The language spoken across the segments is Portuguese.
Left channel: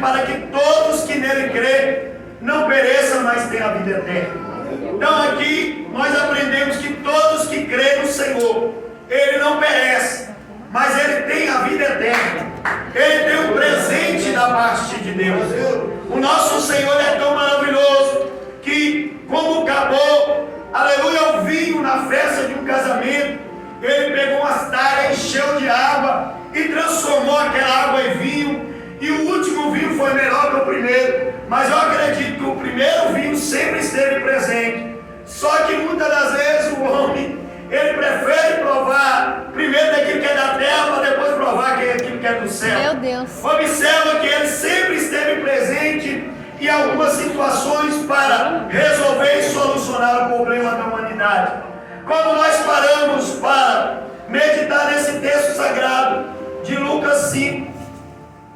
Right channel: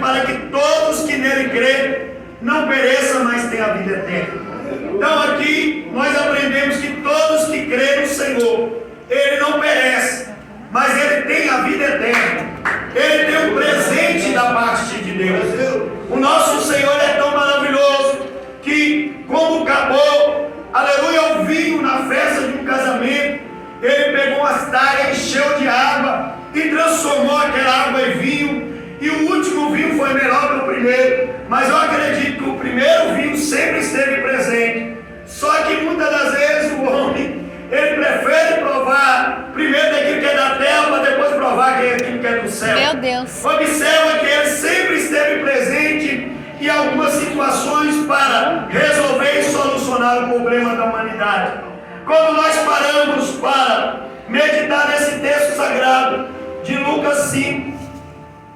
para que todos que nele crêem não pereçam, mas tenham a vida eterna. Então aqui nós aprendemos que todos que creem no Senhor, ele não perece, mas ele tem a vida eterna. Ele tem um presente da parte de Deus. O nosso Senhor é tão maravilhoso que, como acabou, aleluia, o vinho na festa de um casamento, ele pegou umas talhas, encheu de água e transformou aquela água em vinho. E o último vinho foi melhor que o primeiro, mas eu acredito que o primeiro vinho sempre esteve presente. Só que muitas das vezes o homem, ele prefere provar primeiro daquilo que é da terra, para depois provar aquilo que é do céu. Meu Deus. Observa que ele sempre esteve presente em algumas situações para resolver e solucionar o problema da humanidade. Quando nós paramos para meditar nesse texto sagrado de Lucas 5,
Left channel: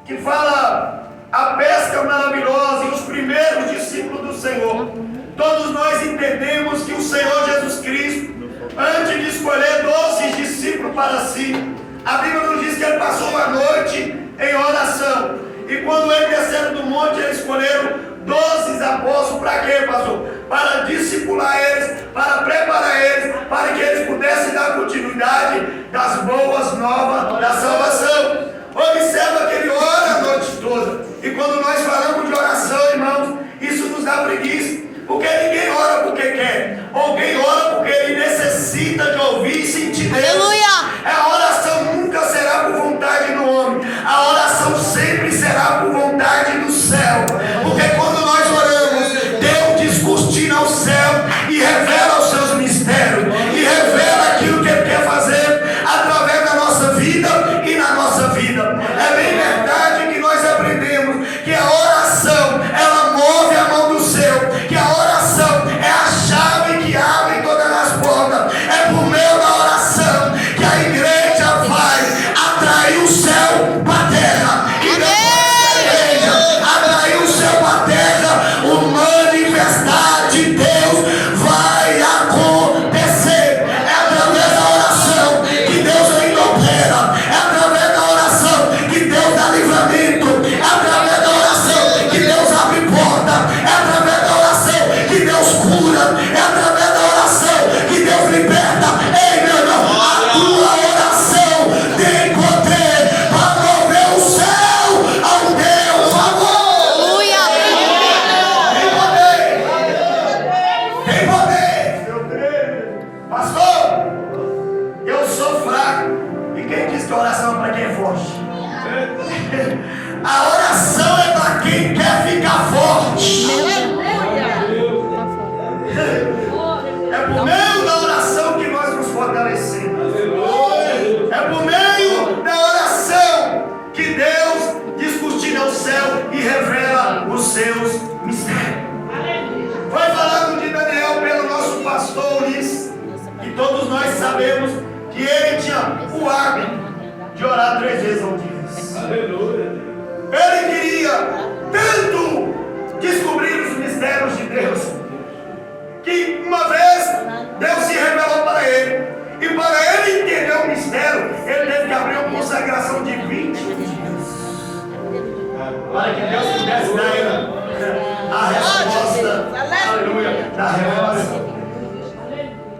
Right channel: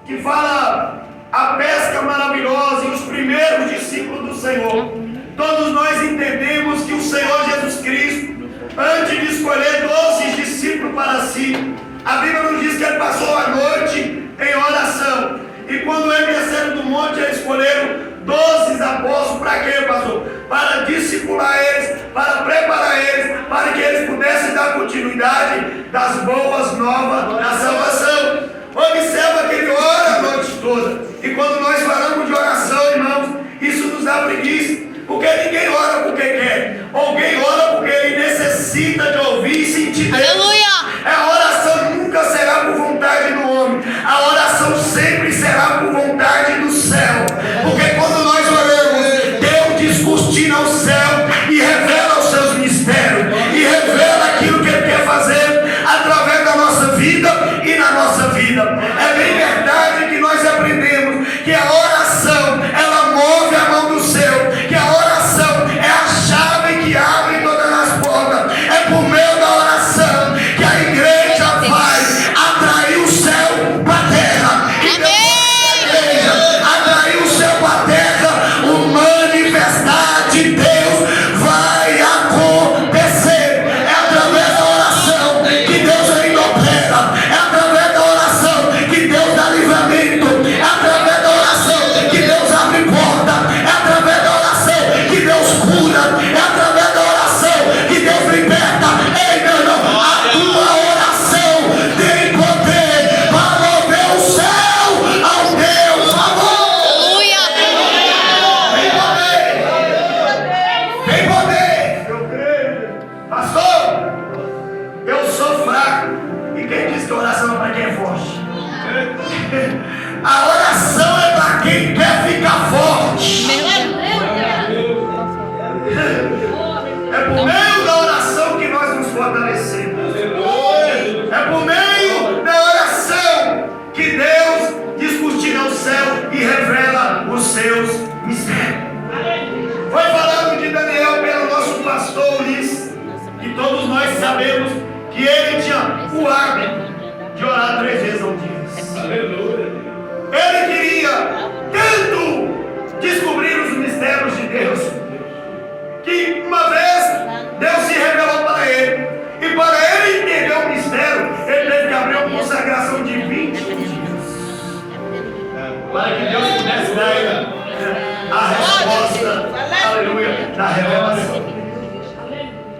que fala a pesca maravilhosa e os primeiros discípulos do Senhor, todos nós entendemos que o Senhor Jesus Cristo, antes de escolher 12 discípulos para si, a Bíblia nos diz que ele passou a noite em oração. E quando ele desceu do monte, ele escolheram 12 apóstolos. Para quê, pastor? Para discipular eles, para preparar eles, para que eles pudessem dar continuidade das boas novas da salvação. Observa que ele ora a noite toda. E quando nós falamos de oração, irmãos, isso nos dá preguiça. Porque ninguém ora porque quer. Alguém ora porque ele necessita de ouvir e sentir Deus. Aleluia! A oração nunca será por vontade do homem. A oração sempre será por vontade do céu. Porque quando nós oramos, Deus descortina o céu e revela os seus mistérios. E revela aquilo que ele quer fazer através da nossa vida e na nossa vida. É bem verdade que nós aprendemos que a oração, ela move a mão do céu. Que a oração é a chave que abre todas as portas. É por meio da oração que a igreja vai atrair o céu para a terra. E depois da igreja atrair o céu para a terra, o manifestar de Deus vai acontecer. É através da oração que Deus ainda opera. É através da oração que Deus dá livramento. É através da oração que Deus abre porta. É através da oração que Deus cura. É através da oração que Deus liberta. Ei, meu irmão, a tua oração tem poder para mover o céu ao teu favor. Aleluia! Tem poder. Eu creio. Pastor, eu sou fraco. E quem diz que a oração é para quem é forte? A oração é para quem quer ficar forte. É por meio da oração que nós nos fortalecemos. É por meio da oração que Deus descortina o céu e revela os seus mistérios. Foi falado de Daniel pelo nosso pastor Ulisses, e todos nós sabemos que ele tinha o hábito de orar 3 vezes ao dia. Ele queria tanto descobrir os mistérios de Deus, que uma vez Deus se revelou para ele, e para ele entender o mistério, ele teve que abrir uma consagração de 21 dias, para que Deus pudesse dar a ele a resposta, aleluia, da revelação.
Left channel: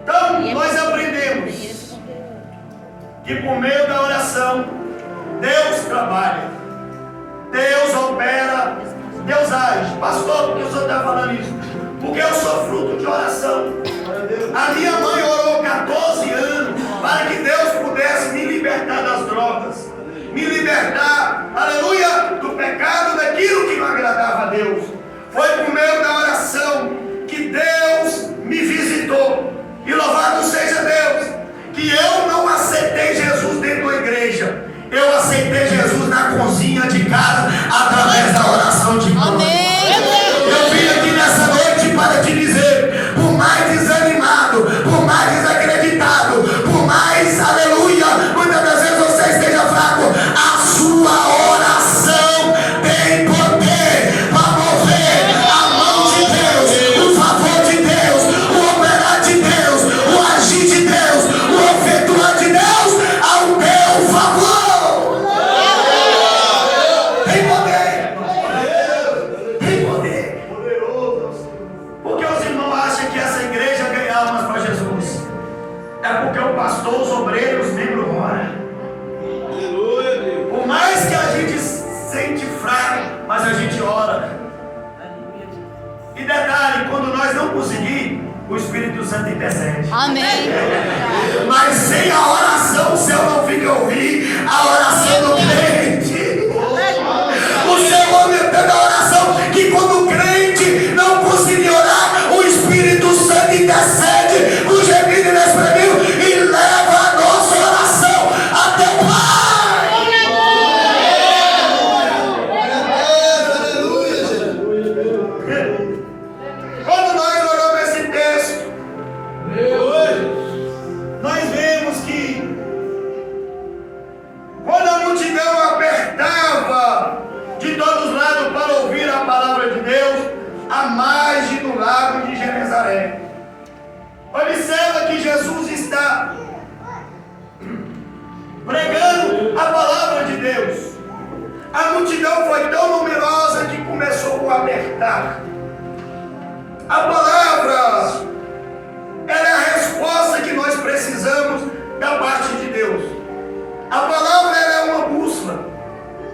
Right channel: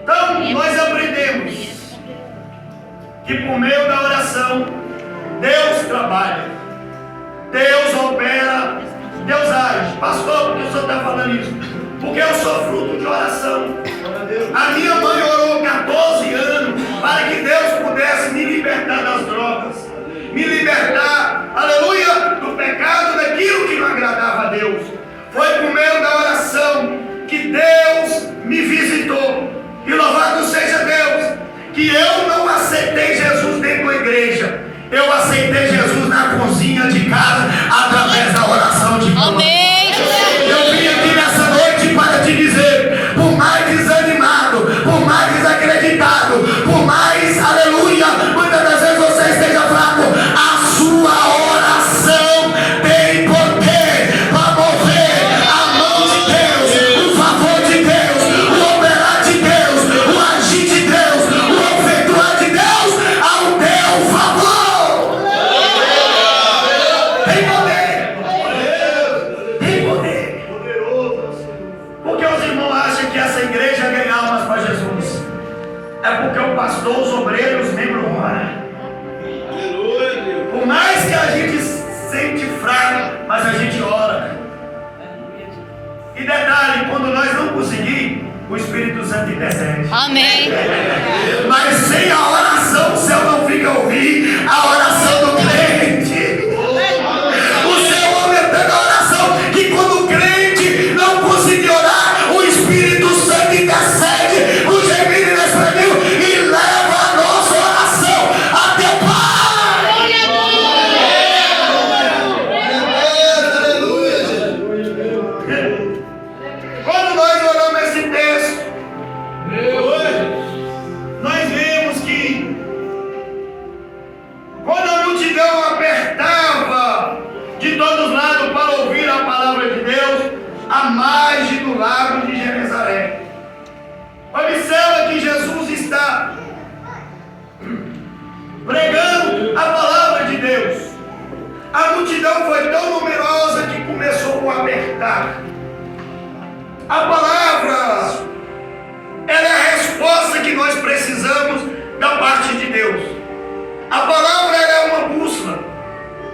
Então, nós aprendemos que por meio da oração, Deus trabalha, Deus opera, Deus age. Pastor, por que o senhor está falando isso? Porque eu sou fruto de oração. A minha mãe orou 14 anos para que Deus pudesse me libertar das drogas, me libertar, aleluia, do pecado, daquilo que não agradava a Deus. Foi por meio da oração que Deus me visitou. E louvado seja Deus, que eu não aceitei Jesus dentro da igreja. Eu aceitei Jesus na cozinha de casa, através da oração de Deus. Amém! Eu vim aqui nessa noite para te dizer o pastor, os obreiros, os membros oram. Por mais que a gente sente fraco, mas a gente ora. E detalhe, quando nós não conseguimos, o Espírito Santo intercede. Amém. Mas sem a oração, o céu não fica a ouvir a oração do crente. O céu aumentando a oração, que quando o crente não conseguir orar, o Espírito Santo intercede no gemido e no espremido e leva a nossa oração até o Pai. Quando nós oramos esse texto, nós vemos que quando a multidão apertava de todos os lados para ouvir a palavra de Deus, à margem do lago de Genezaré, observa que Jesus está pregando a palavra de Deus. A multidão foi tão numerosa que começou a apertar. A palavra, ela é a resposta que nós precisamos da parte de Deus. A palavra, ela é uma bússola.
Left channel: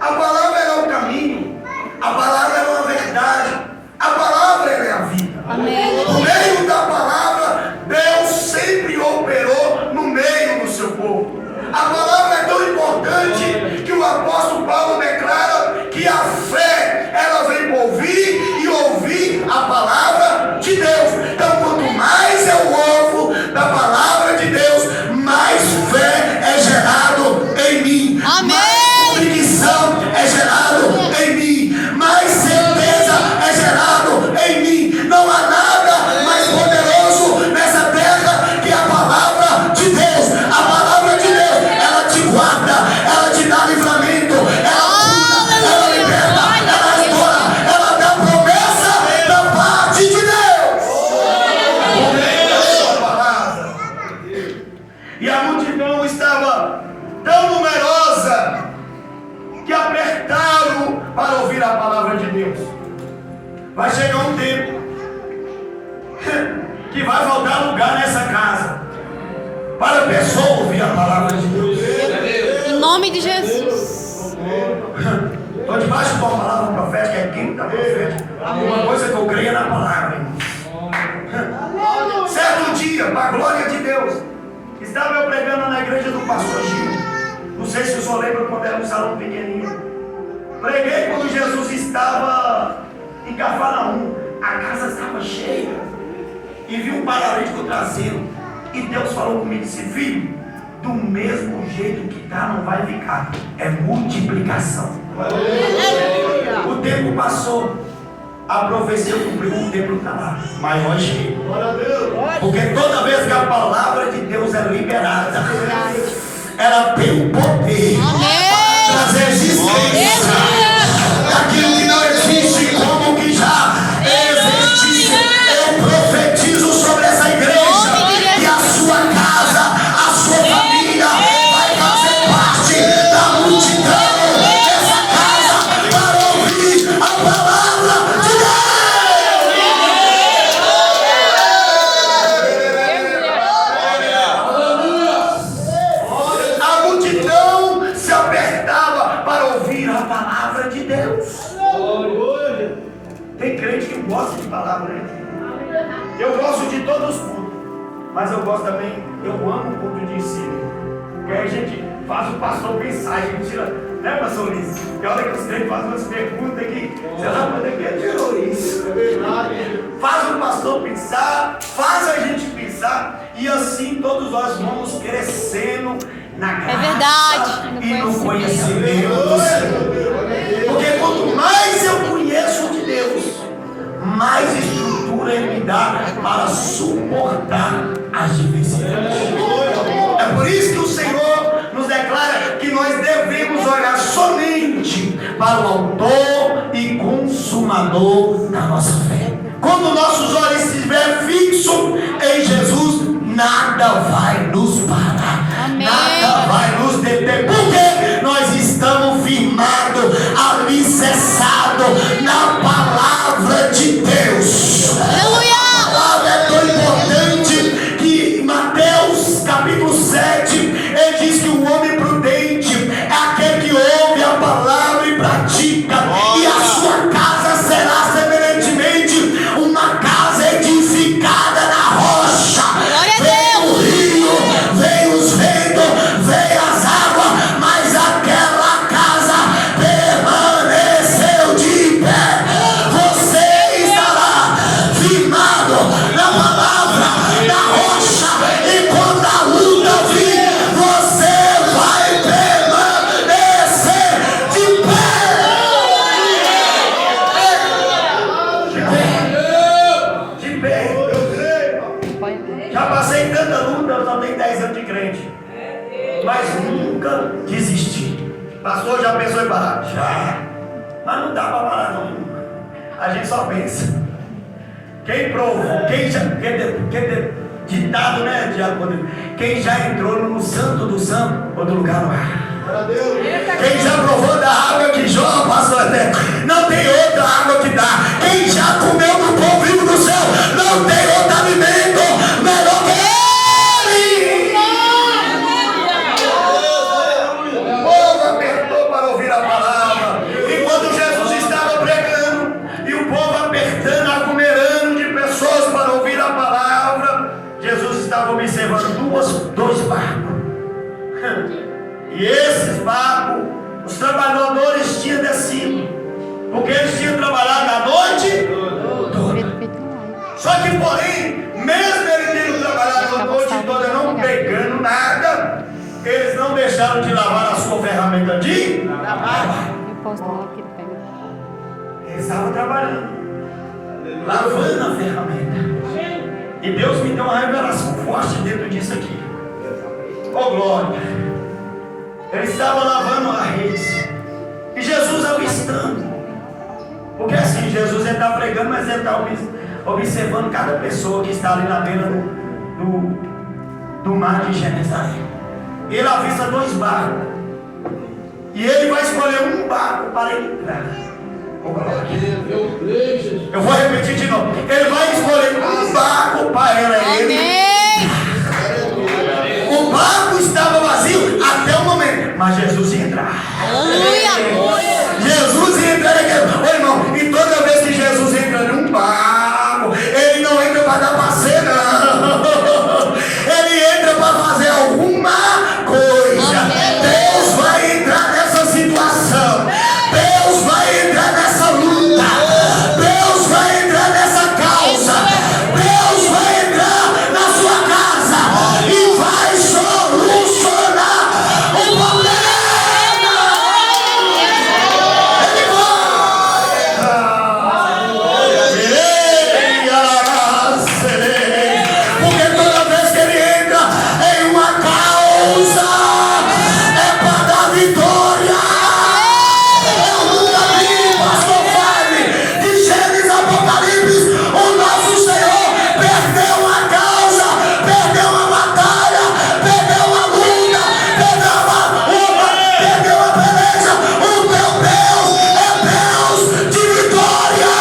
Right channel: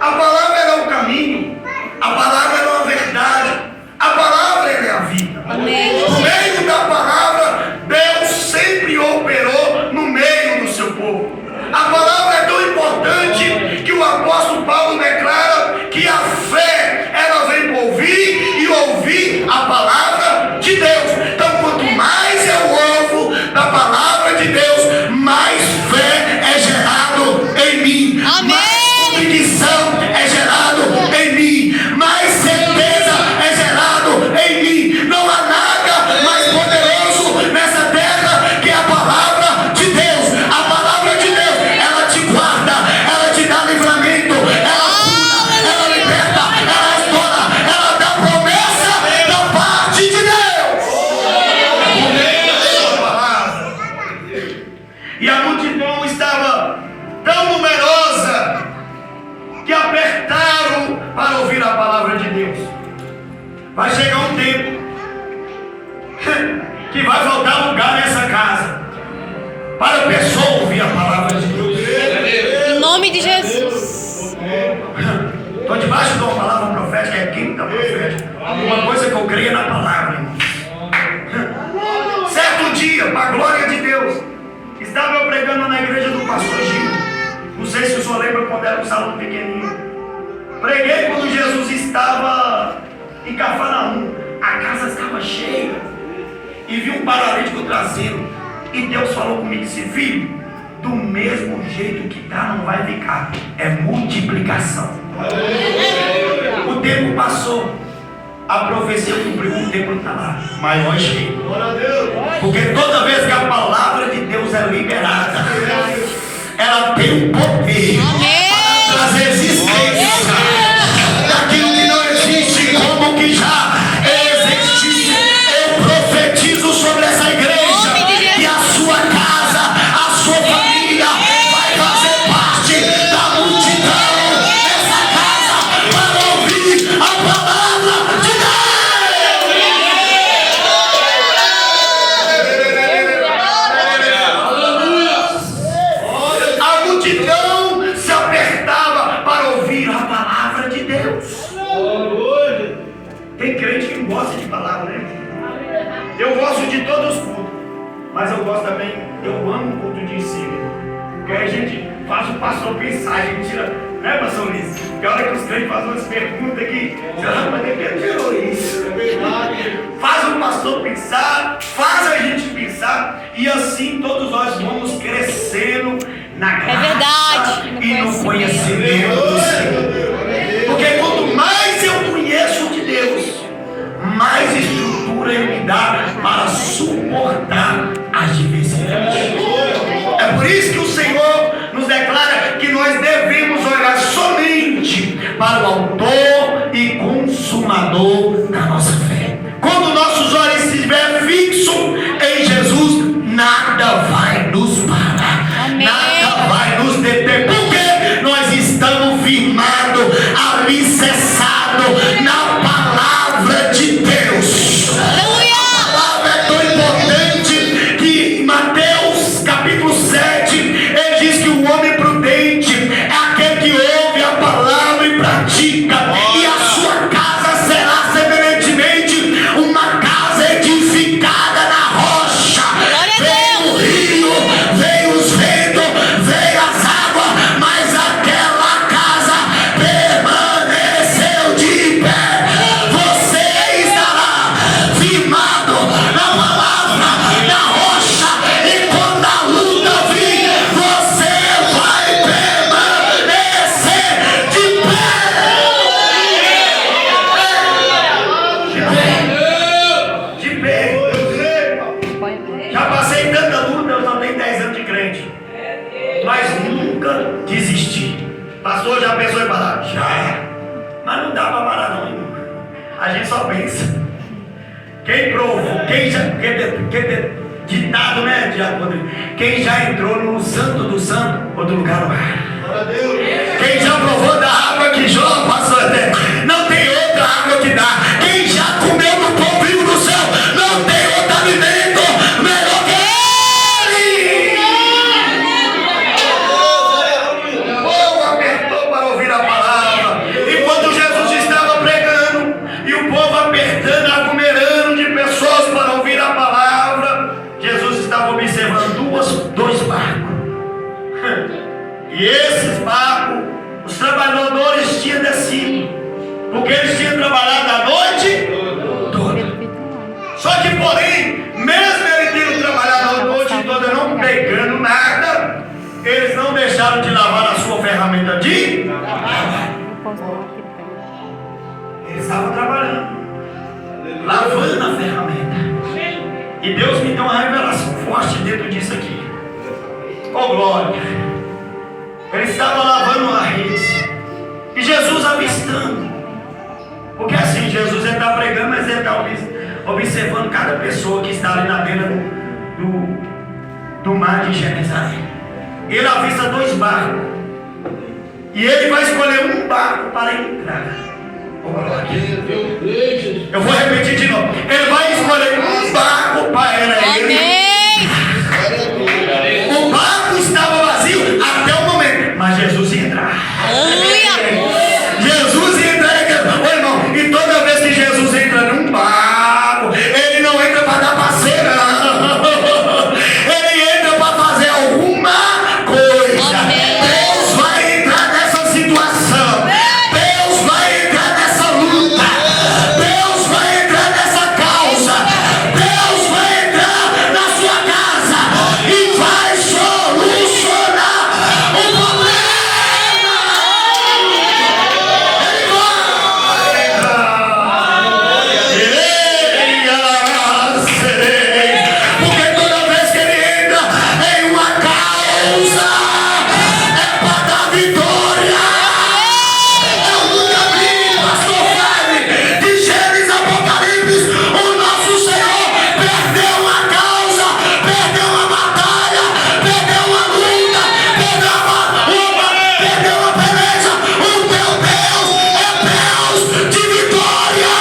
A palavra, ela é o caminho. A palavra, ela é a verdade. A palavra, ela é a vida. Amém. Por meio da palavra, Deus sempre operou no meio do seu povo. A palavra é tão importante que o apóstolo Paulo declara que a fé, ela vem por ouvir e ouvir a palavra de Deus. Então, quanto mais eu ouvo da palavra de Deus, mais fé é gerado em mim. Amém. Mais convicção é gerado em mim. Mais certeza é gerado em mim. Não há nada mais poderoso nessa terra que a palavra de Deus. A palavra de Deus, ela te guarda, ela te dá livramento, ela cura, ela liberta, ela adora, ela dá promessa da parte de Deus. Por meio da sua palavra. E a multidão estava tão numerosa que apertaram para ouvir a palavra de Deus. Vai chegar um tempo que vai faltar lugar nessa casa para a pessoa ouvir a palavra de Deus. Em nome de Jesus. Estou debaixo de uma palavra profética, é quinta profética. Uma coisa que eu creio é na palavra, irmão. Certo dia, para a glória de Deus, estava eu pregando na igreja do pastor Gil. Não sei se o senhor lembra quando era um salão pequenininho. Preguei quando Jesus estava em Cafarnaum. A casa estava cheia. E vi um paralítico traseiro. E Deus falou comigo e disse: filho, do mesmo jeito que está, não vai ficar. É multiplicação. O tempo passou. A profecia cumpriu, o templo está lá, maior e cheio. Porque toda vez que a palavra de Deus é liberada, ela tem o poder para trazer existência daquilo que não existe, como que já existe. Eu profetizo sobre essa igreja que a sua casa, a sua família vai fazer parte da multidão dessa casa para ouvir a palavra de Deus. A multidão se apertava para ouvir a palavra de Deus. Tem crente que não gosta de palavra, né? Eu gosto de todos os cultos, mas eu gosto também, eu amo o culto de ensino. Porque aí a gente faz o pastor pensar, a gente tira, né, pastor Luiz? Porque a hora que os crentes fazem umas perguntas aqui, você rapaz, nem que tirou isso. Faz o pastor pensar, faz a gente pensar, e assim todos nós vamos crescendo na graça e no conhecimento do Senhor. Porque quanto mais eu conheço de Deus, mais estrutura Ele me dá para suportar as diversidades. É por isso que o Senhor nos declara que nós devemos olhar somente para o autor e consumador da nossa fé. Quando nossos olhos estiverem fixos em Jesus, nada vai nos parar. Amém. Nada vai nos deter. Porque nós estamos firmados mas nunca desistir. Pastor, já pensou em parar? Já. Mas não dá para parar não, irmão. A gente só pensa. Quem provou, ditado, né, Diabo Rodrigo? Quem já entrou no santo do santo, outro lugar no ar. Quem já provou da água que jorra, pastor Eterno, não tem outra água que dá. Quem já comeu do pão vivo do céu, não tem outro alimento melhor que ele. O povo apertou para ouvir a palavra. E quando Jesus estava pregando, e o povo apertando, aglomerando de pessoas para ouvir a palavra, Jesus estava observando dois barcos. E esses barcos, os trabalhadores tinham descido, porque eles tinham trabalhado a noite toda. Só que, porém, mesmo eles tendo trabalhado a noite toda, não pegando nada, eles não deixaram de lavar a sua ferramenta de trabalho. Eles estavam trabalhando, lavando a ferramenta. E Deus me deu uma revelação forte dentro disso aqui. Oh, glória! Ele estava lavando a rede. E Jesus avistando. Porque assim, Jesus está pregando, mas ele está observando cada pessoa que está ali na beira do mar de Genezaré. Ele avista dois barcos. E ele vai escolher um barco para entrar. Oh, glória. Eu vou repetir de novo. Ele vai escolher um barco para ele. O barco estava vazio até o momento, mas Jesus ia entrar. Aleluia! Jesus ia entrar naquele. Ô irmão, e toda vez que Jesus entra num barco, ele não entra para dar passeio, não. Ele entra para fazer alguma coisa. Amém. Deus vai entrar nessa situação. Deus vai entrar nessa luta. Deus vai entrar nessa causa. Deus vai entrar na sua casa e vai solucionar o problema. Ele vai entrar. Porque toda vez que ele entra em uma causa, é para dar vitória. Eu nunca vi, pastor Fábio, de Gênesis Apocalipse, o nosso Senhor perdeu uma causa, perdeu uma batalha, perdeu uma luta, perdeu uma peleja. O teu Deus é Deus de vitória.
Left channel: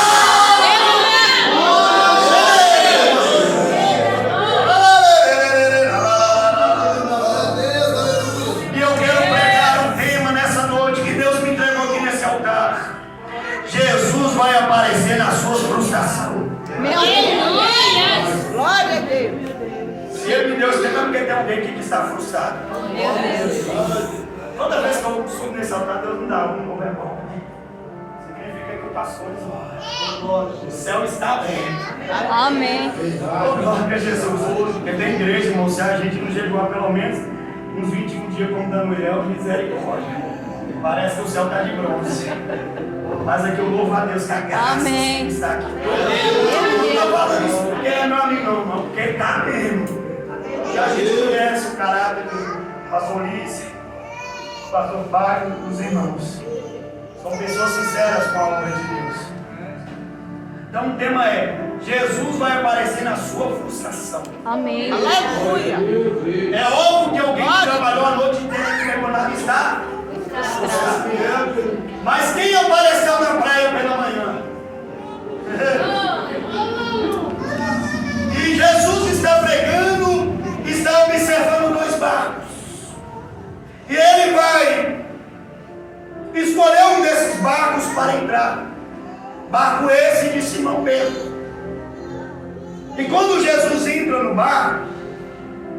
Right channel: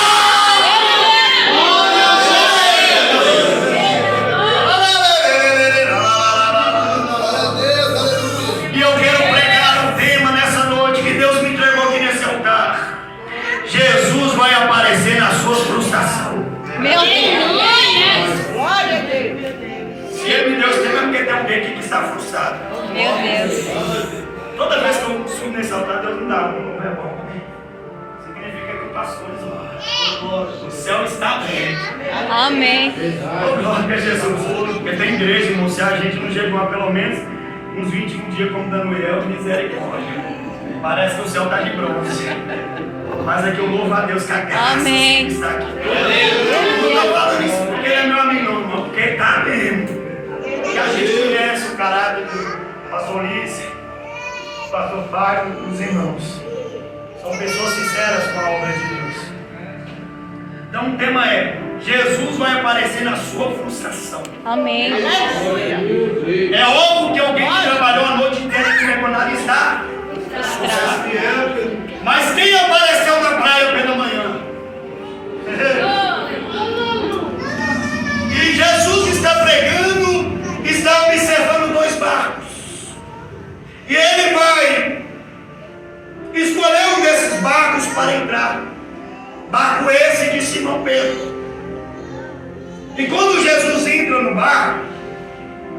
E eu quero pregar um tema nessa noite que Deus me entregou aqui nesse altar. Jesus vai aparecer na sua frustração. Meu Deus. Glória a Deus. Se ele me deu esse tema é porque tem alguém aqui que está frustrado. Meu Deus. Toda vez que eu subo nesse altar, Deus me dá um novo rebote. Significa que o pastor o céu está aberto. Amém. Oh, glória a Jesus. Porque tem igreja, irmão, se a gente não chegou a pelo menos uns 21 dias como Daniel, misericórdia. Parece que o céu está de bronze. Mas aqui eu louvo a Deus que a graça Amém. está aqui. Eu não estou falando isso porque ele é meu amigo, não, irmão, porque ele está mesmo. E a gente conhece o caráter do pastor Ulisses, do pastor Fábio, dos irmãos. São pessoas sinceras com a obra de Deus. Então o tema é: Jesus vai aparecer na sua frustração. Amém. Aleluia. É óbvio que alguém que trabalhou a noite inteira que quando ali está frustrado. Mas quem apareceu na praia pela manhã? E Jesus está pregando, está observando dois barcos. E ele vai escolher um desses barcos para entrar. Barco esse de Simão Pedro. E quando Jesus entra no barco,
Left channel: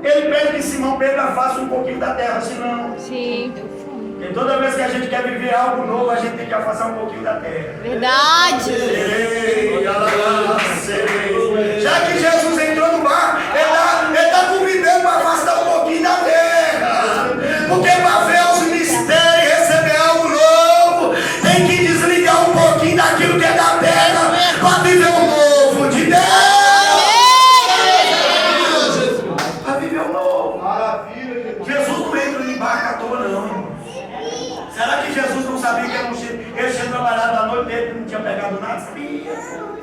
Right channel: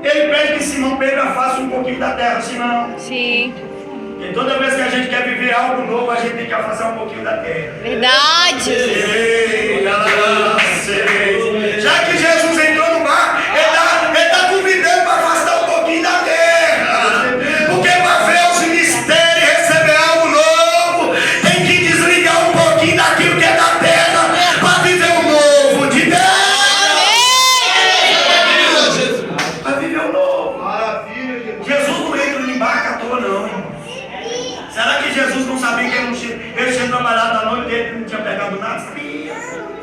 ele pede que Simão Pedro afaste um pouquinho da terra, senão. Sim. Porque toda vez que a gente quer viver algo novo, a gente tem que afastar um pouquinho da terra. Verdade. Já que Jesus entrou no barco, ele está convidando para afastar um pouquinho da terra. Porque para ver os mistérios e receber algo novo, tem que desligar um pouquinho daquilo que é da terra para viver o novo de Deus. Para viver o novo. Jesus não entra em barco não tinha pegado nada, sabia.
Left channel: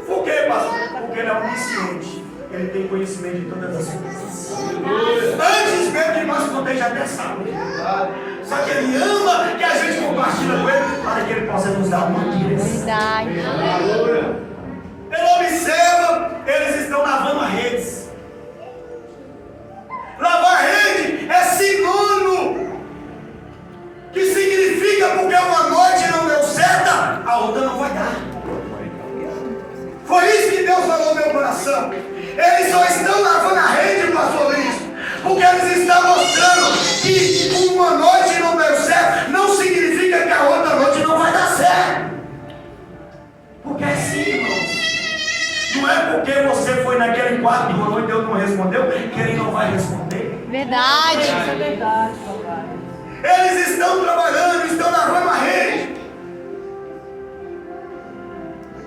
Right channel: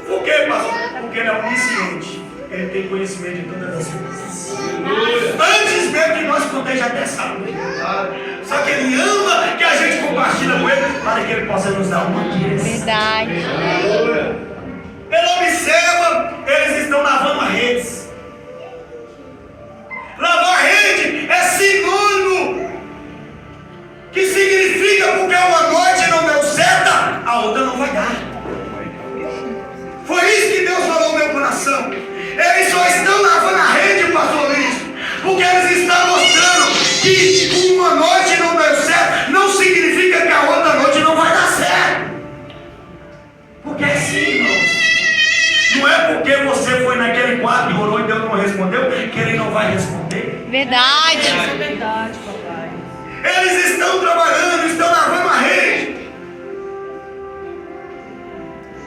Por quê, pastor? Porque ele é onisciente. Ele tem conhecimento de todas as coisas. Antes mesmo que nós contemos, já até sabe. Só que ele ama que a gente compartilha com ele para que ele possa nos dar uma direção. Verdade. Ele observa, eles estão lavando as redes. Lavar a rede é sinônimo. Que significa porque uma noite não deu certo, a outra não vai dar. Foi isso que Deus falou no meu coração. Eles só estão lavando a rede, pastor Luiz, porque eles estão mostrando que uma noite não deu certo, não significa que a outra noite não vai dar certo. Porque é assim, irmãos. Não é porque você foi naquele quarto e orou e Deus não respondeu, que ele não vai responder. Verdade. Isso é verdade, papai. Eles estão trabalhando, estão lavando a rede.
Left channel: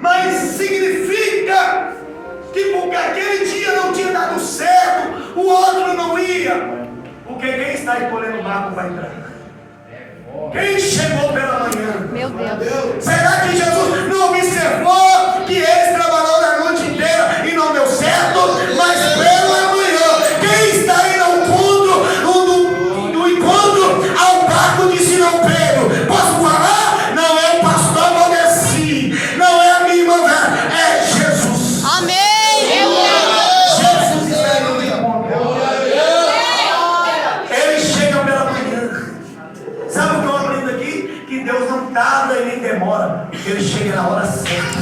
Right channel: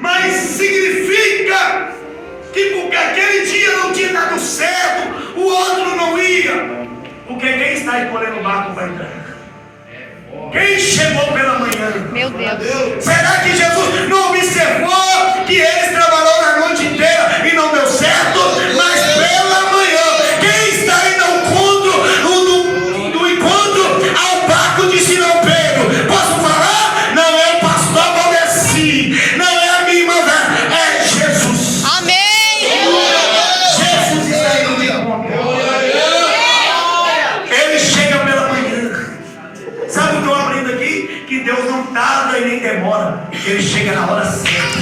Mas significa que porque aquele dia não tinha dado certo, o outro não ia. Porque quem está aí colhendo o barco vai entrar. Quem chegou pela manhã? Meu Deus. Será que Jesus não observou que eles trabalharam a noite inteira e não deu certo? Mas pela manhã, quem está aí no encontro ao barco de Simão Pedro? Posso falar? Não é o pastor Valdeci, não é a minha irmã, é Jesus. Amém. Jesus está aí no encontro. Ele chega pela manhã. Sabe o que eu aprendo aqui? Que Deus não tarda e nem demora. Ele chega na hora certa.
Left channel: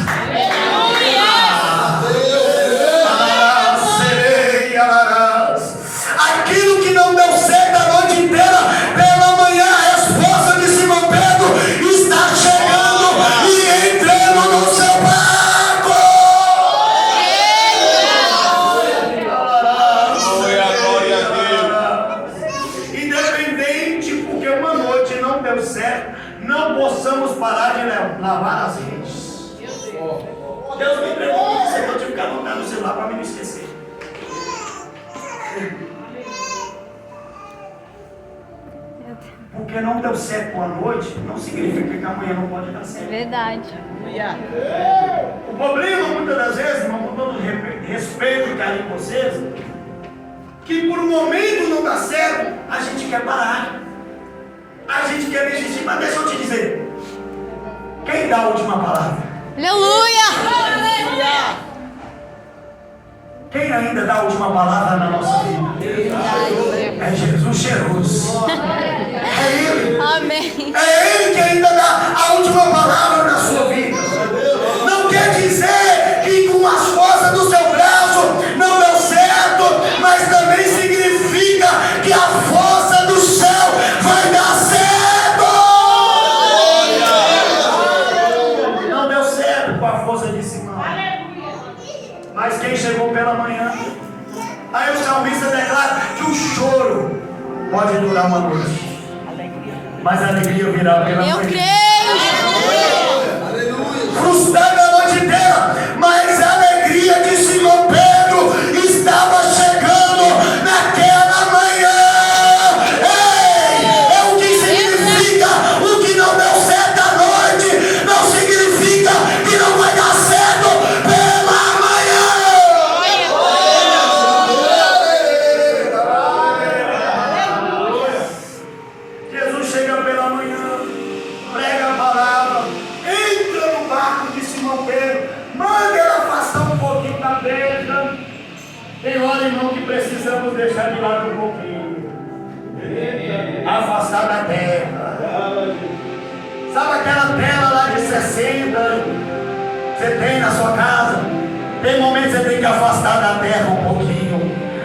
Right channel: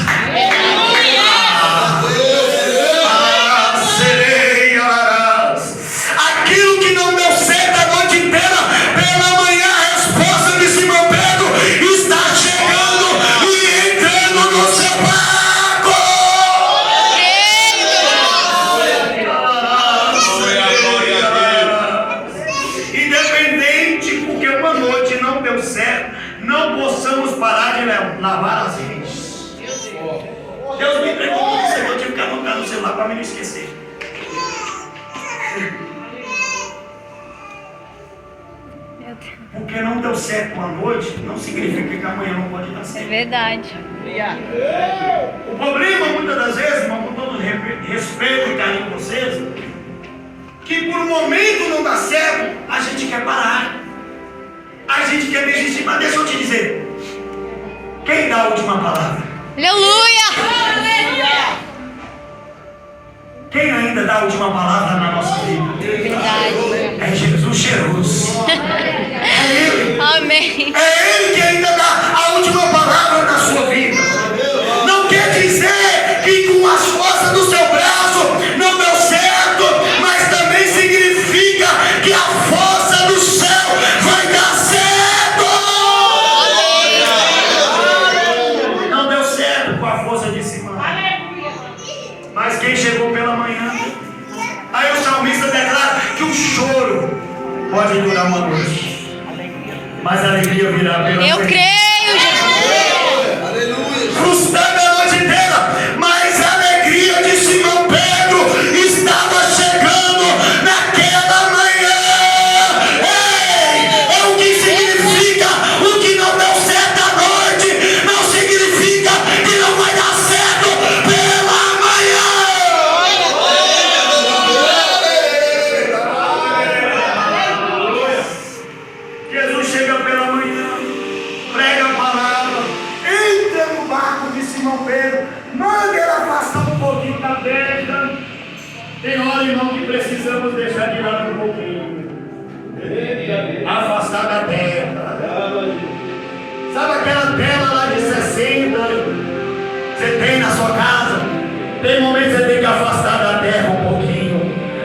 Aquilo que não deu certo a noite inteira, pela manhã a resposta de Simão Pedro está chegando e entrando no seu barco. Independente porque uma noite não deu certo, não possamos parar de lavar as redes. Deus me entregou tudo isso aqui, eu tive que ficar anotando no celular para me não esquecer. Porque não deu certo uma noite, não significa que amanhã não pode dar É certo. verdade. O problema, muitas das vezes, irmão, com todo respeito e carinho com vocês, que por um momento não dá certo, a gente quer parar. A gente quer desistir, mas deixa eu te dizer. Quem dá a última palavra? Aleluia. Quem ainda dá a última palavra na nossa vida? Verdade. É Jesus cheiroso. É Ele. Amém. É Ele que ainda dá a última palavra na sua vida. Não quer dizer que com as forças do seu braço não deu certo, mas também significa que a força do céu vai dar certo. Não deu certo com a força de Simão. Mas quem chegou pela manhã? Aí o salmista declara que o choro pode durar uma noite, mas a alegria virá pela manhã. Eu creio, Jesus. Frustrada a noite inteira, mas a alegria de Simão Pedro estava chegando naquela manhã. Ei, é o que significa o que não deu certo à noite, não significa que não vai dar certo pela manhã. Jesus chega pela manhã, prega a palavra, entra no barco de Simão Pedro, manda ele afastar um pouquinho da terra. Tem hora, irmão, que precisamos deixar de lado um pouquinho, afastar da terra. Sabe aquela tela lá de 60 você tem na sua casa? Tem momentos que você tem que afastar da terra um pouquinho.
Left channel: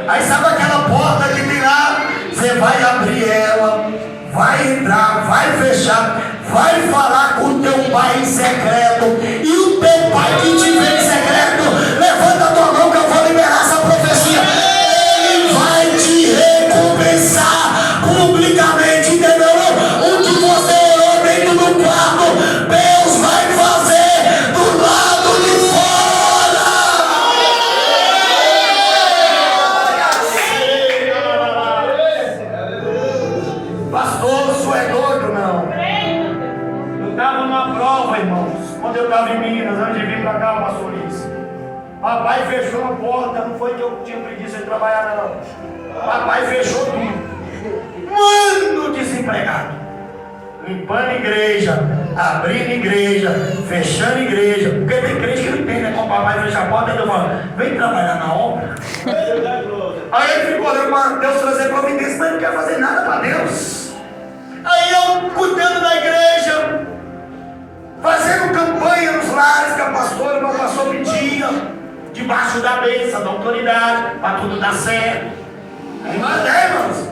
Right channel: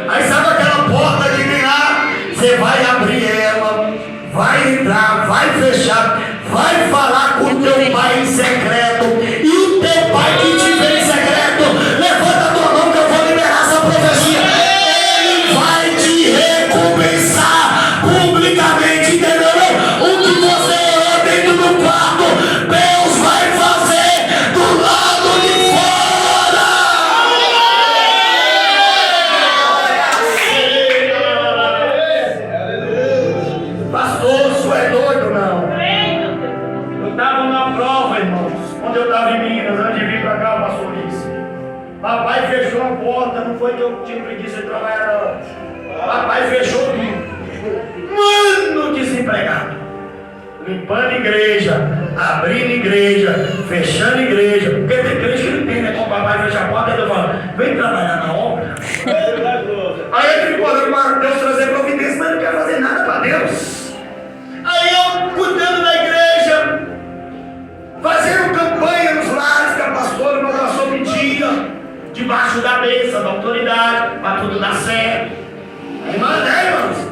Aí sabe aquela porta que tem lá? Você vai abrir ela, vai entrar, vai fechar, vai falar com o teu pai em secreto. E o teu pai que te vê em secreto, levanta a tua mão que eu vou liberar essa profecia. Ele vai te recompensar publicamente, entendeu? O que você orou dentro do quarto, Deus vai fazer do lado de fora. Pastor, isso é doido, não? Eu estava numa prova, irmãos, quando eu estava Minas, antes de vir para cá, pastor Luiz. Papai fechou a porta, não foi que eu tinha preguiça de trabalhar, não. Papai fechou tudo. Mano, desempregado. Limpando igreja, abrindo igreja, fechando igreja. Porque tem igreja que não tem, né? Quando o papai fecha a porta, ele fala, vem trabalhar na obra. Aí ele ficou olhando para Deus trazer providência, mas não quer fazer nada para Deus. Aí eu cuidando da igreja, fazendo campanha nos lares que a pastora, meu pastor pedia, debaixo da bênção, da autoridade, para tudo dar certo. Aí mandei, irmãos.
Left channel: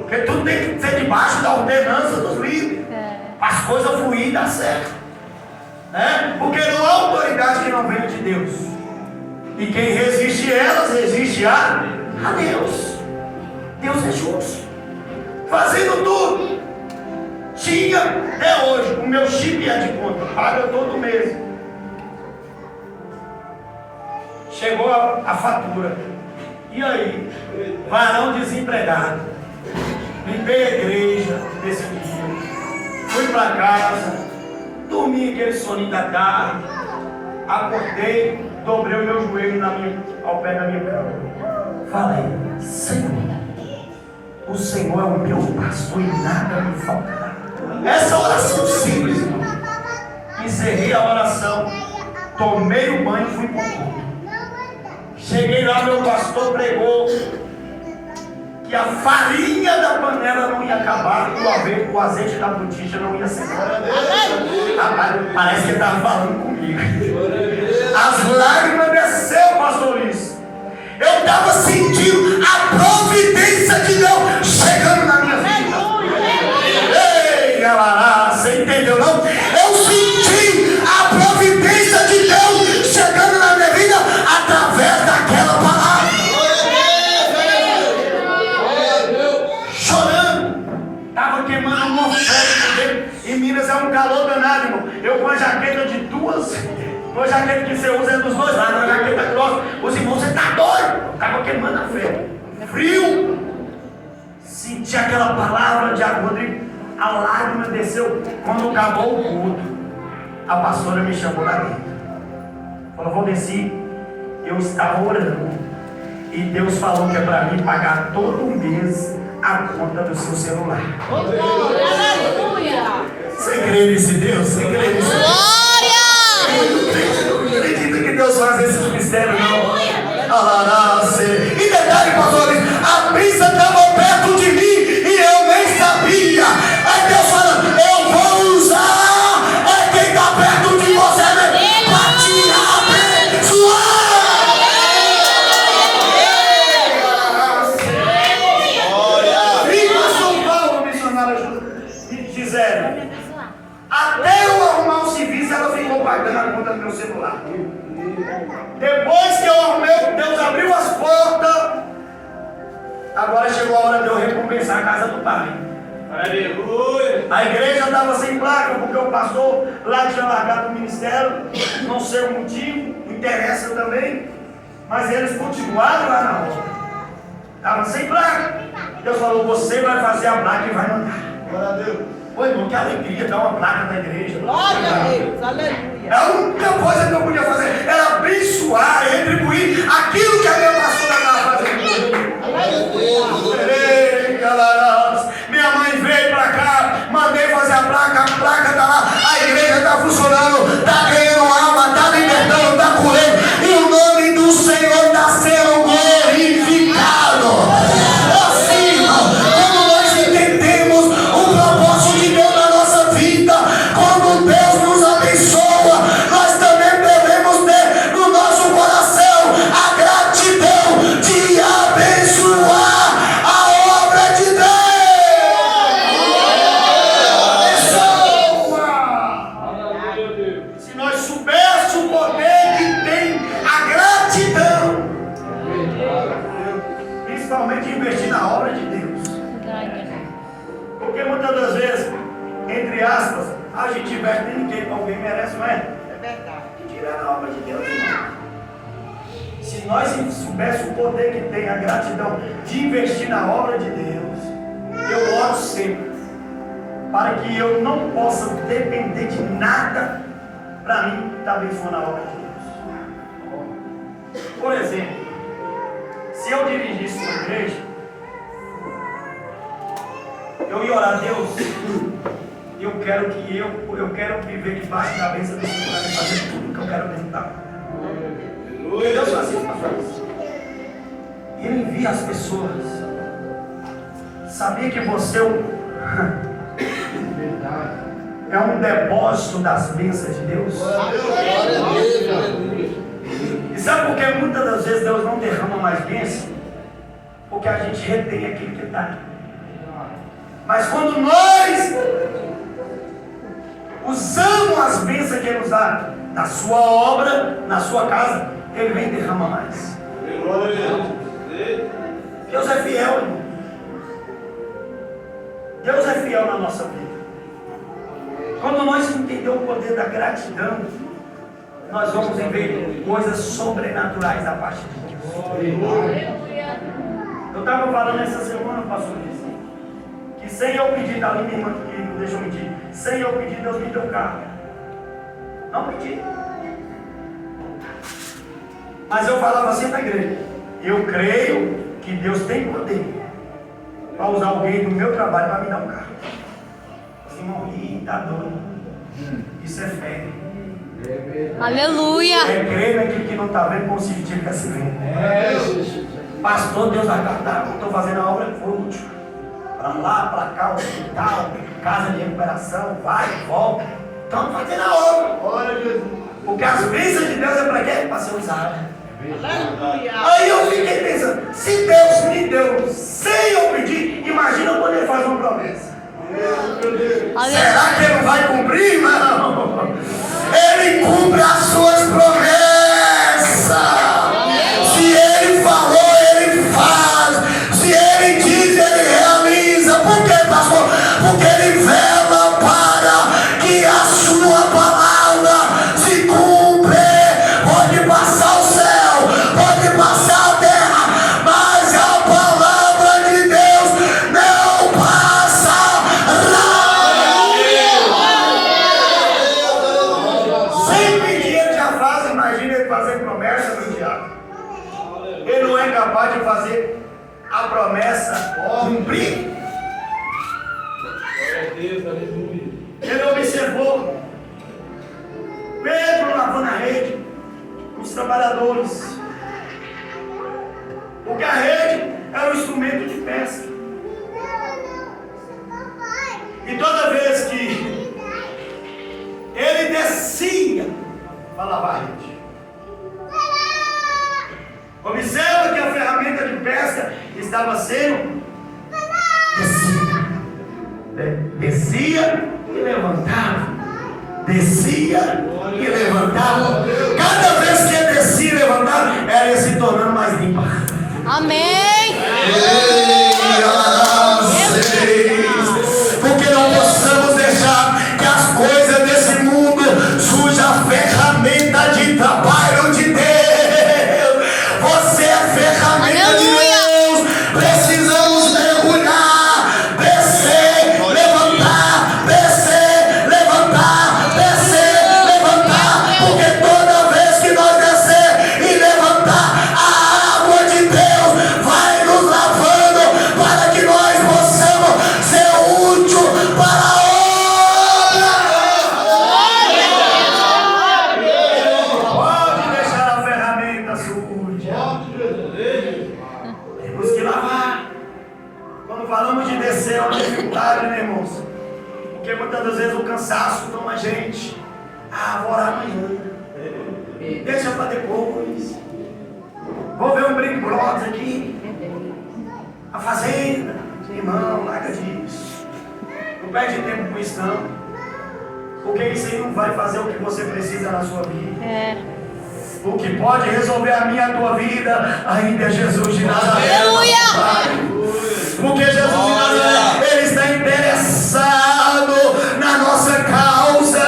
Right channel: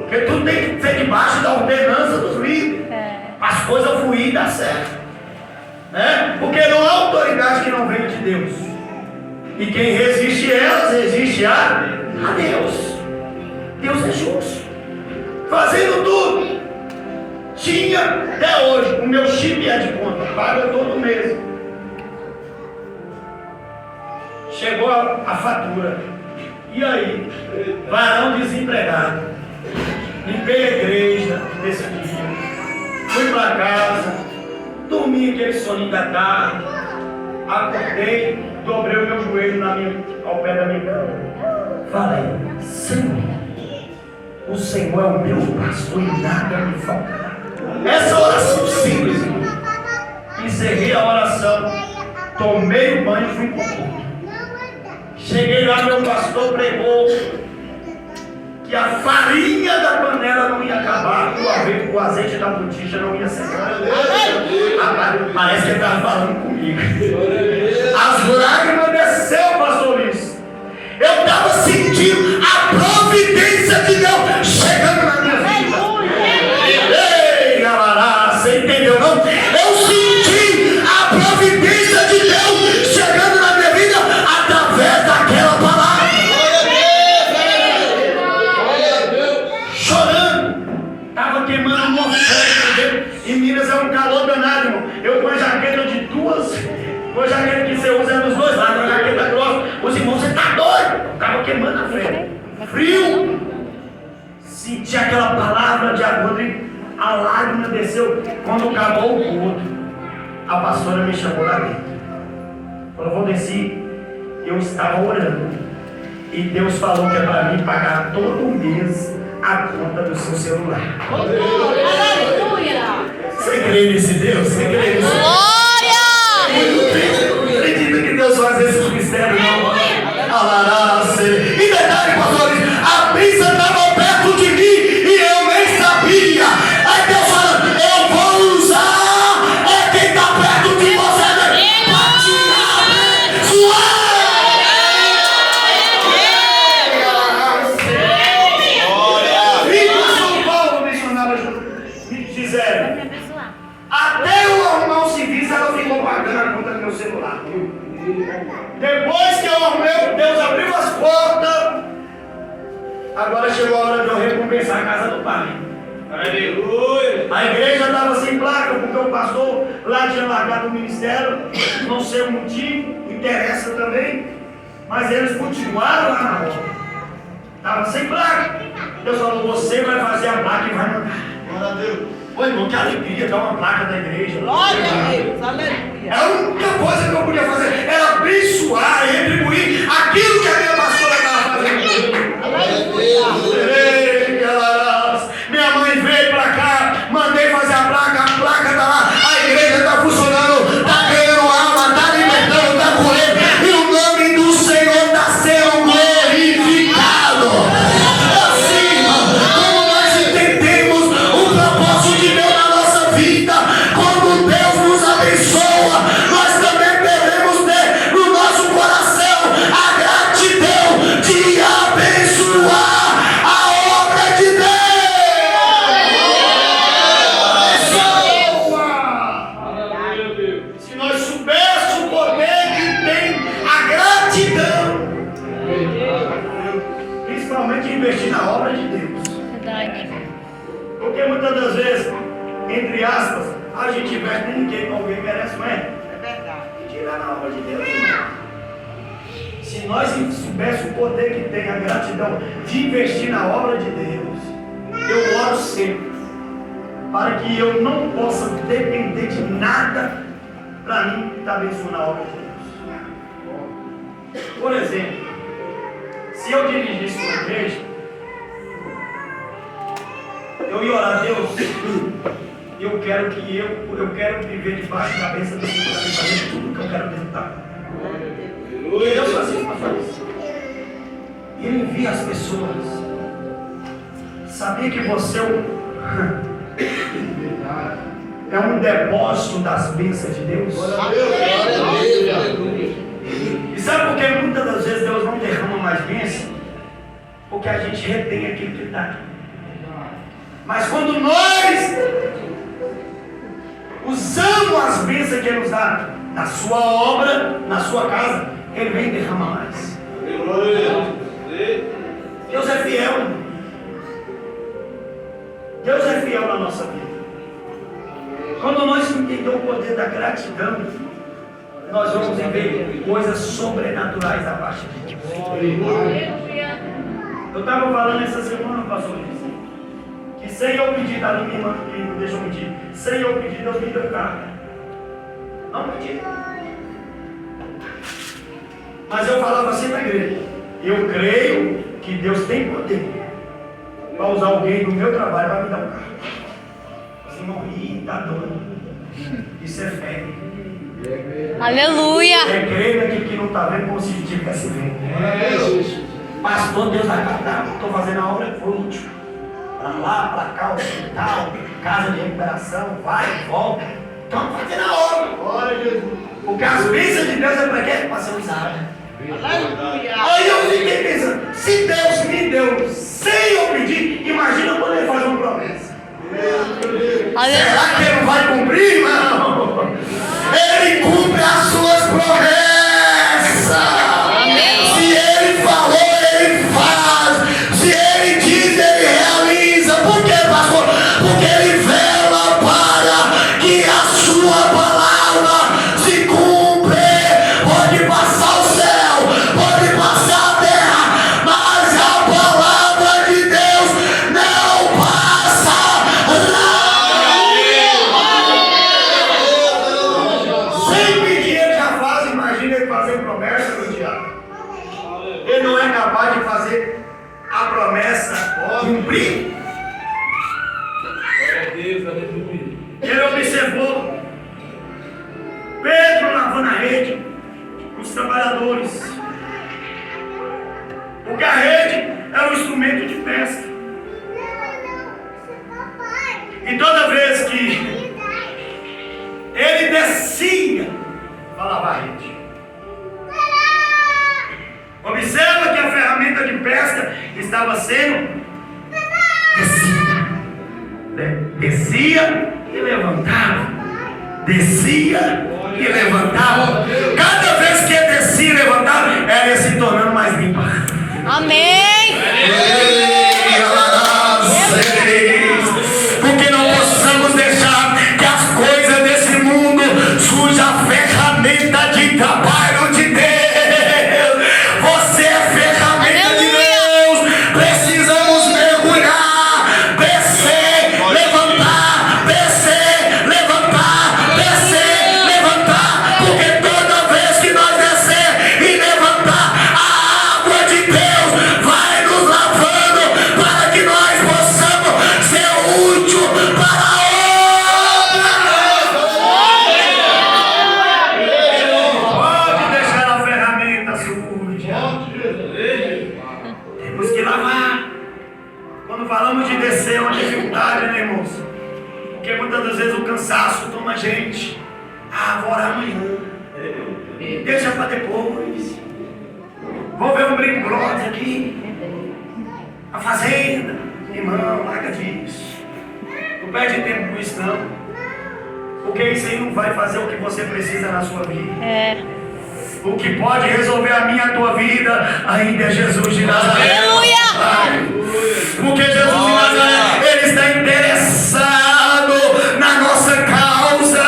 Porque tudo tem que ser debaixo da ordenança dos líderes. Para as coisas fluírem e dar certo. Né? Porque não há autoridade que não venha de Deus. E quem resiste elas, resiste a Deus. Deus é justo. Fazendo tudo. Tinha até hoje o meu chip é de conta. Paga todo mês. Chegou a fatura. E aí? Varão desempregado. Limpei a igreja desse filho. Fui para casa. Dormi aquele soninho da tarde. Acordei. Dobrei o meu joelho ao pé da minha cama. Falei, Senhor, o Senhor é o meu pastor e nada me faltará. Essa oração simples, irmão. Encerrei a oração. Tomei o banho e fui para o culto. Cheguei lá, meu pastor pregou que a farinha da panela não ia acabar e o azeite da botija não ia secar. Parece que ele estava falando comigo. As lágrimas desceu, pastor Luiz. Eu estava sentindo a providência de Deus chegando na minha vida. Ei, galera, você entendeu não? Eu senti a providência de Deus chegando na minha vida através daquela palavra. Chorando, estava queimando uma oferta. Em Minas é um calor danado, irmão. Eu com a jaqueta de duas, com a jaqueta que você usa é dos dois lados, a jaqueta grossa. Os irmãos, você está doido? Estava queimando a fé. Frio. Senti aquela palavra de agora. A lágrima desceu. Quando acabou o culto, a pastora me chamou lá dentro. Falou, Valdeci, eu estava orando. E Deus falou que é para mim pagar todo mês a conta do seu celular. Aleluia! Você crê nesse Deus? Você crê nesse Deus? Glória! Não acredito que Deus faz esses mistérios, não. E detalhe, pastor, a brisa estava perto de mim e eu nem sabia. Aí Deus fala, eu vou usar quem está perto de você para te abençoar. São Paulo, missionário, me disseram, até eu arrumar um serviço, ela ficou pagando a conta do meu celular. Depois que eu arrumei, Deus abriu as portas. Agora chegou a hora de eu recompensar a casa do pai. Aleluia! A igreja estava sem placa, porque o pastor lá tinha largado o ministério. Não sei o motivo, interessa também. Mas eles continuaram lá na obra. Estava sem placa. Deus falou, você vai fazer a placa e vai mandar. Glória a Deus. Ô irmão, que alegria dar uma placa da igreja. Glória a Deus, aleluia. A única coisa que eu podia fazer era abençoar e retribuir aquilo que a minha pastora estava fazendo. Aleluia. Minha mãe veio para cá, mandei fazer a placa está lá, a igreja está funcionando, está ganhando alma, está libertando, está curando, e o nome do Senhor está sendo glorificado. Assim, quando nós entendemos o propósito de Deus na nossa vida, quando Deus nos abençoa, nós também devemos ter no nosso coração a gratidão de abençoar a obra de Deus. Se nós soubéssemos o poder que tem a gratidão, principalmente investir na obra de Deus. Verdade. Porque muitas das vezes, entre aspas, a gente investe em ninguém, alguém merece, não é? É verdade. E tirar na obra de Deus, irmão. Se nós soubéssemos o poder que tem a gratidão de investir na obra de Deus, eu oro sempre para que eu não possa depender de nada para mim está abençoando a obra de Deus. Por exemplo, se eu dirigisse uma igreja, eu ia orar a Deus. Eu quero viver debaixo da bênção de Deus para fazer tudo que eu quero dentro da casa. Deus fazia uma coisa. Ele envia as pessoas. Sabia que você é um depósito das bênçãos de Deus? E sabe por que muitas das vezes Deus não derrama mais bênção? Porque a gente retém aquilo que está. Mas quando nós usamos as bênçãos que Ele nos dá na sua obra, na sua casa, Ele vem e derrama mais. Deus é fiel. Deus é fiel na nossa vida. Quando nós entendemos o poder da gratidão, nós vamos ver coisas sobrenaturais da parte de Deus. Eu estava falando essa semana, pastor, que sem eu pedir, da minha irmã, que não deixa eu mentir, sem eu pedir, Deus me deu carro. Não pedi. Mas eu falava assim na igreja: eu creio que Deus tem poder para usar alguém do meu trabalho para me dar um carro. Assim, morri, tá doido. Isso é fé. Aleluia. É crer naquilo que não está vendo, como se tivesse vendo. Pastor, Deus vai captar. Estou fazendo a obra fútil. Para lá, para cá, hospital, casa de recuperação, vai, volta. Estamos fazendo a obra. Porque as bênçãos de Deus é para quê? Para ser usada. Aí eu fiquei pensando, se Deus me deu sem eu pedir, imagina quando Ele faz uma promessa. Será que Ele não vai cumprir, irmão? Ele cumpre as suas promessas. Se Ele falou, Ele faz. Se Ele diz, Ele realiza. Por quê, pastor? Porque Ele vela para que a sua palavra se cumpra. Pode passar o céu, pode passar a terra, mas a palavra de Deus não passará. Sem pedir Ele já faz. Imagina Ele fazer promessa do diabo. Ele não é capaz de fazer a promessa cumprir. Ele observou Pedro lavando a rede, os trabalhadores, porque a rede é um instrumento de pesca. E toda vez que ele descia para lavar a rede, observa que a ferramenta de pesca estava sendo descida. Descia e levantava. Descia e levantava. Cada vez que ele descia e levantava, ela ia se tornando mais limpa. Amém. Porque não possamos deixar que as coisas desse mundo sujam a ferramenta de trabalho de Deus. Você é ferramenta de Deus. Precisamos mergulhar, descer, levantar, descer, levantar, descer, levantar. Porque toda vez que nós descer e levantar, a água de Deus vai nos lavando para que nós possamos ser útil para a obra. Pode deixar a ferramenta suja. Temos que lavar. Quando falamos de descer, é uma dificuldade, né, irmãos? Porque muitas das vezes o cansaço toma a gente. Vou orar amanhã. Deixa para depois. Vou ver um Big Brother aqui. A Fazenda. Irmão, larga disso. Não perde tempo com isso, não. Porque isso aí não vai fazer o que você precisa na sua vida. O que pode resolver a minha e a tua vida ainda é Jesus de Nazaré. Aleluia! Porque Jesus de Nazaré, Ele está interessado na nossa causa.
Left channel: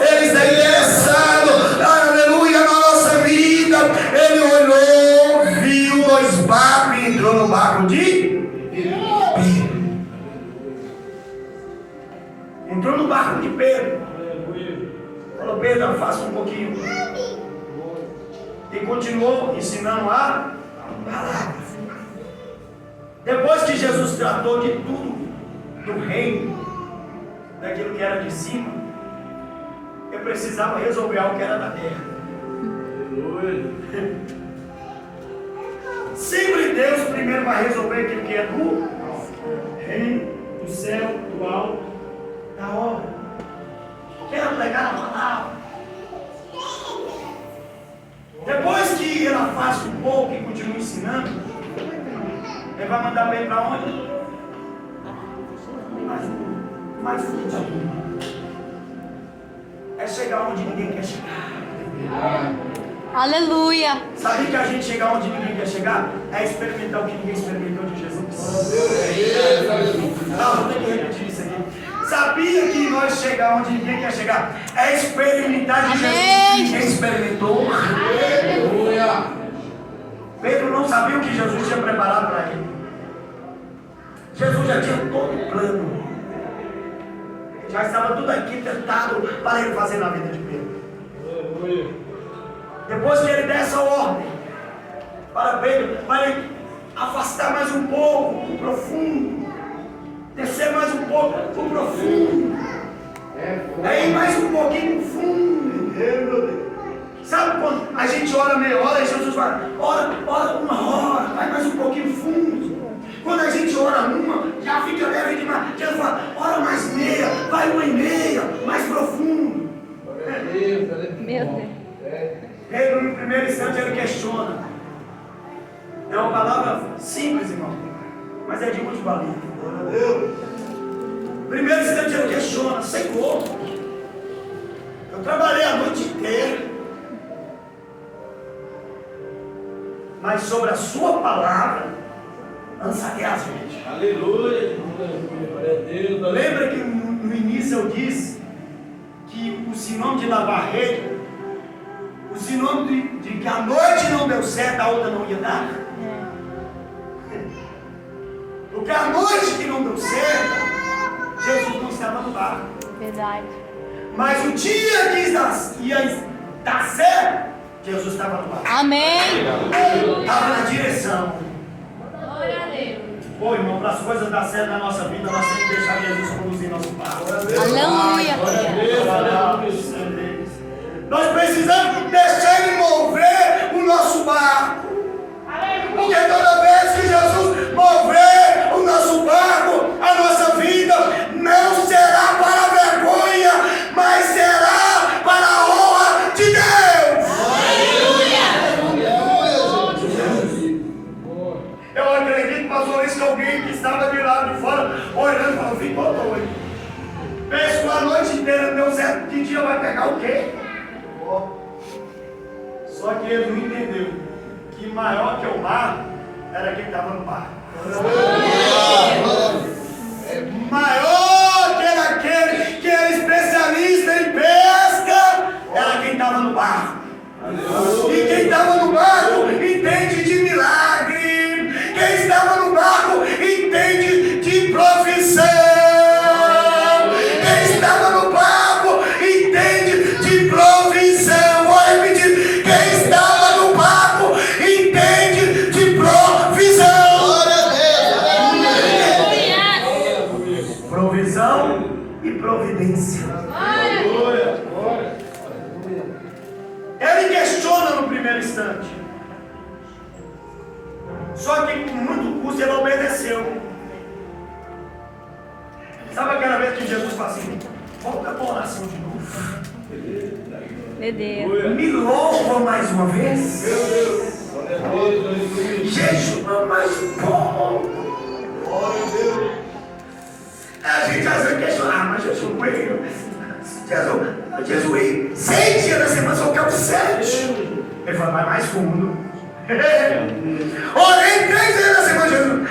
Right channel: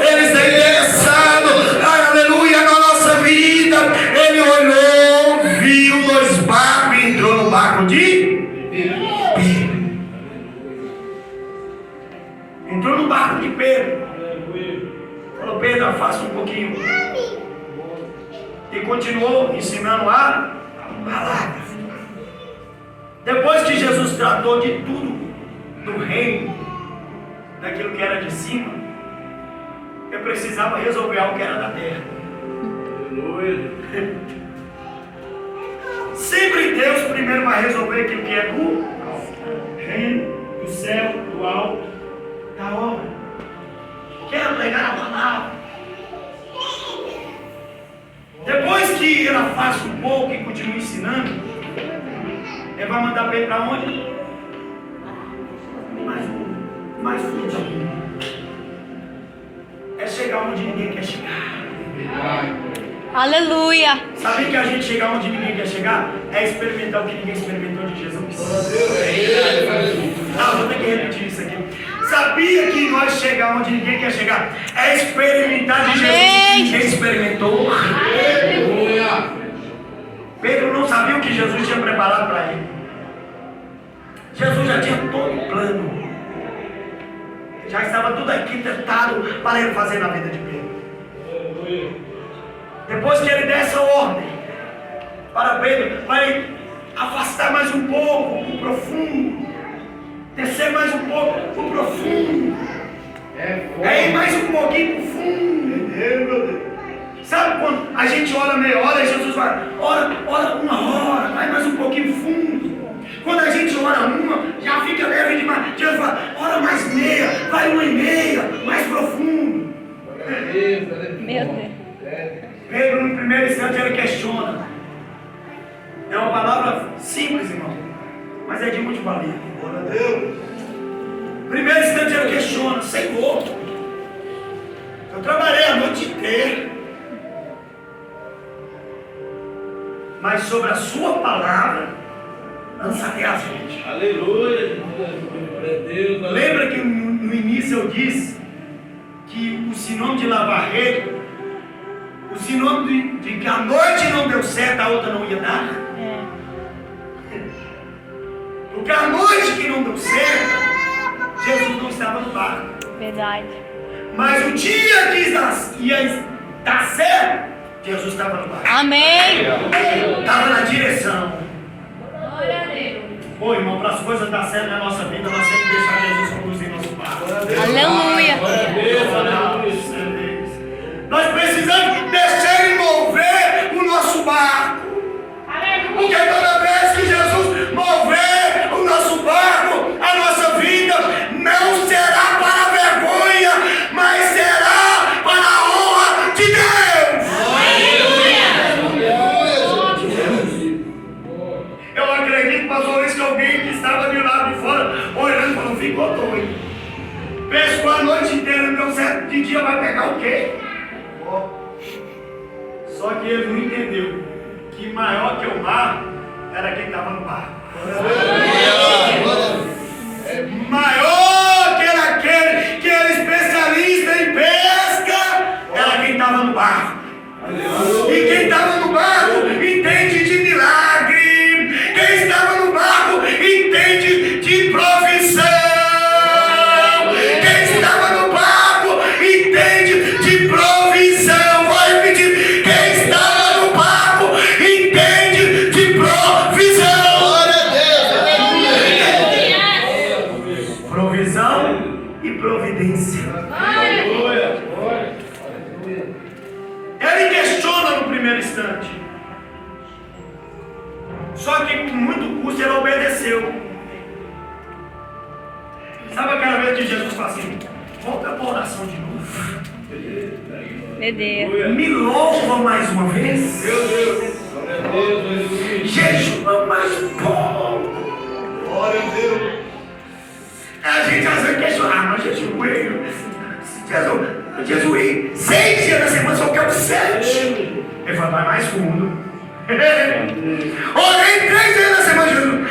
Ele está interessado, aleluia, na nossa vida. Ele olhou, viu 2 barcos e entrou no barco de Pedro. Entrou no barco de Pedro. Falou: Pedro, E continuou ensinando a palavra. Depois que Jesus tratou de tudo do reino, daquilo que era de cima, eu precisava resolver algo que era da terra. Sempre Deus primeiro vai resolver aquilo que é do reino, do céu, do alto, da obra. Quero pregar a palavra. Depois que ele afasta um pouco e continua ensinando, ele vai mandar bem para onde? Mais fundo. É chegar onde ninguém quer chegar. Aleluia. Sabia que a gente chegar onde ninguém quer chegar é experimentar o que ninguém experimentou de Jesus? Vou ter que repetir isso aqui. Sabia que nós chegar onde ninguém quer chegar é experimentar de Jesus que ninguém experimentou? Pedro não sabia o que Jesus tinha preparado para ele. Jesus já tinha todo o plano. Já estava tudo arquitetado para ele fazer na vida de Pedro. Depois que ele der essa ordem para Pedro, vai afastar mais um pouco o profundo, descer mais um pouco o profundo, ir mais um pouquinho pro fundo. Sabe quando a gente ora meia hora e Jesus vai, ora 1 hora, vai mais um pouquinho fundo. Quando a gente ora uma, já fica leve demais. Jesus fala, ora mais meia, vai 1,5, mais profundo. Meu Deus. Pedro, no primeiro instante, ele questiona. É uma palavra simples, irmão, mas é de muito valia. No primeiro instante, ele questiona: Senhor, eu trabalhei a noite inteira, mas sobre a sua palavra lançarei as redes. Aleluia. Lembra que no início eu disse que o sinônimo de lavar rede, o sinônimo de que a noite não deu certo, a outra não ia dar? Porque a noite que não deu certo, Jesus não estava no barco. Verdade. Mas o dia que ia dar certo, Jesus estava no barco. Amém. Estava na direção. Pô, irmão, para as coisas dar certo na nossa vida, nós temos que deixar Jesus conduzir nosso barco. Aleluia. Nós precisamos deixar Ele mover o nosso barco. Porque toda vez que Jesus mover o nosso barco, a nossa vida não será para a vergonha, mas será para a honra de Deus. Eu acredito, pastor, isso que alguém que estava de lado de fora olhando e falou: ficou doido. Pescou a noite inteira, não deu certo, de dia vai pegar o quê? Só que ele não entendeu que maior que o mar era quem estava no barco. Maior que era aquele que era especialista em pesca, era quem estava no barco. E quem estava no barco entende de milagre. Quem estava no barco entende de profissão. Quem estava no barco entende de provisão. Providência. Ele questiona no primeiro instante. Só que com muito custo ele obedeceu. Sabe aquela vez que Jesus fala assim: volta para a oração de novo. Meu Deus. Me louva mais uma vez. Meu Deus. Jejua mais um pouco. Glória a Deus. A gente às vezes questiona: mas jejuei 6 dias da semana, só quero 7. Ele fala: vai mais fundo. Orei 3 dias da semana, Jesus.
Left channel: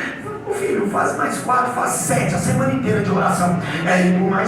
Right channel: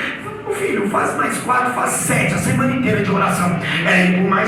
Filho, faz mais 4, faz 7, a semana inteira de oração. É ir por mais